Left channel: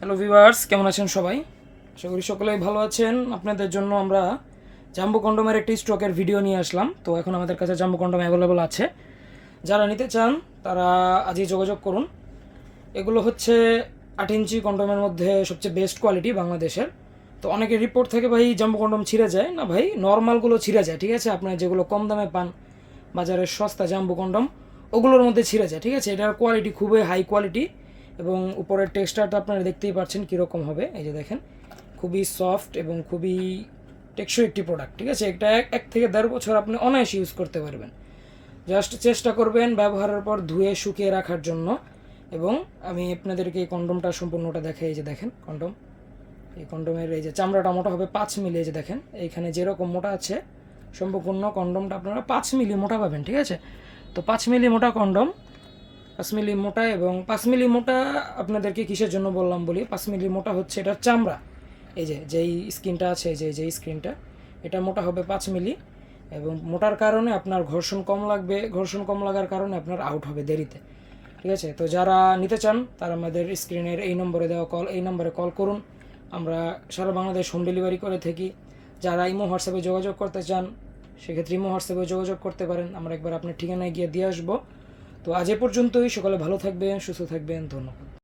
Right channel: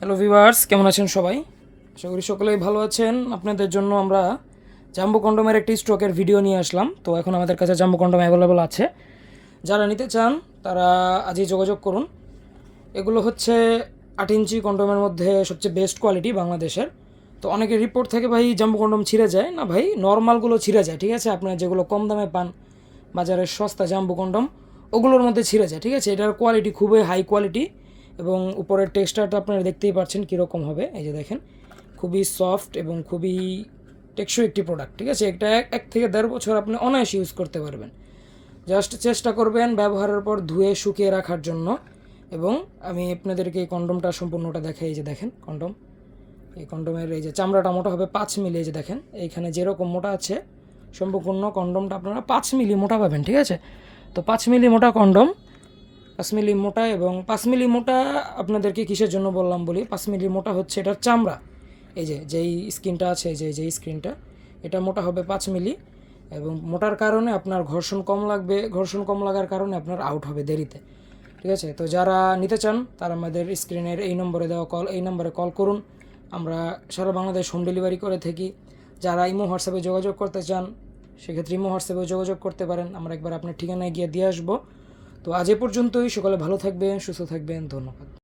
Hello viewers কেমন আছেন সবাই? আশা করি সকলেই ভালো আছেন। আপনাদের জন্য আমরা জাম্বু কন্ডমের একটি স্টকের ভিডিও নিয়ে আসলাম। তো এখন আমাদের কাছে জাম্বু কন্ডোম অ্যাভেলেবল আছে। যারা নিতে চান, তারা আজই যোগাযোগ করুন। এগুলো হচ্ছে আট ইঞ্চি কন্ডোমের মধ্যে সবচেয়ে বেস্ট কোয়ালিটি বাংলাদেশের। তো অনেকে রিপোর্ট থেকে ভাই জাম্বু কন্ডোম ছিঁড়ে যায়। না ভাই নর্মালগুলো ছিঁড়ে যায়, ঠিক আছে? আপনারা যেগুলো কম দামে পান, বাজারের সস্তা জাম্বু কন্ডম ওগুলোর মধ্যে ছিঁড়ে যায়, ঠিক আছে? এটার কোয়ালিটি খুবই হাই কোয়ালিটি এবং উপরের টেক্সচারটা আপনারা দেখতেই পাচ্ছেন কীরকম হবে। এই যে দেখেন, খুবই সফট এবং খুবই টেকসই একটি প্রোডাক্ট ঠিক আছে? এটা এক এক থেকে দেড় বছর আপনি অনায়াসে ইউজ করতে পারবেন। জাস্ট চেষ্টা করবেন ব্যবহারের পর ধুয়ে শুকিয়ে রাখার জন্য। এবং আমি আপনাদেরকে এই কন্ডমটা সম্পূর্ণটা দেখাই, এই যে দেখেন কন্ডম এই কন্ডমের এই যে চামড়াটা মোটা হবে পাঁচ মিলি, এই যে দেখেন। এইখানে যেরকম মোটা আছে, সম্পূর্ণ কন্ডমটা আপনারা পাঁচ মিলি মোটা পাবেন, ঠিক আছে? তো পাঁচ মিলি মোটা কন্ডম পাঁচ মিলি মোটা এবং পাঁচ মিলি মোটা আপনাদেরকে কিসের জন্য বললাম বলি? পাঁচ মিলি মোটা হচ্ছে এটার চামড়া। এই যে, যেই স্ক্রিনটা আছে যে যেই স্ক্রিনটা এটা মোটা হবে পাঁচ মিলি এবং মোটার কারণে আপনার ঘর্ষণ কম লাগবে। ঘর্ষণ কম লাগার কারণে আপনার আউট হবে দেরিতে। ঠিক আছে? তো যারা নিতে চান, তারা আমাদের স্ক্রিনের এই নম্বরে দেওয়া কল এই নম্বরে কল করুন। আমরা সারা বাংলাদেশ হোম ডেলিভারি করে থাকি। যারা ইমো হোয়াটসঅ্যাপে যোগাযোগ করতে চান, সেক্ষেত্রে ইমো হোয়াটসঅ্যাপে যোগাযোগ করতে পারেন। আমরা একবার আপনার ঠিকানায় গিয়ে দিয়ে আসব। তো আজ এ পর্যন্তই। সকালে ভালো থাকবেন সুস্থ থাকবেন। ধন্যবাদ।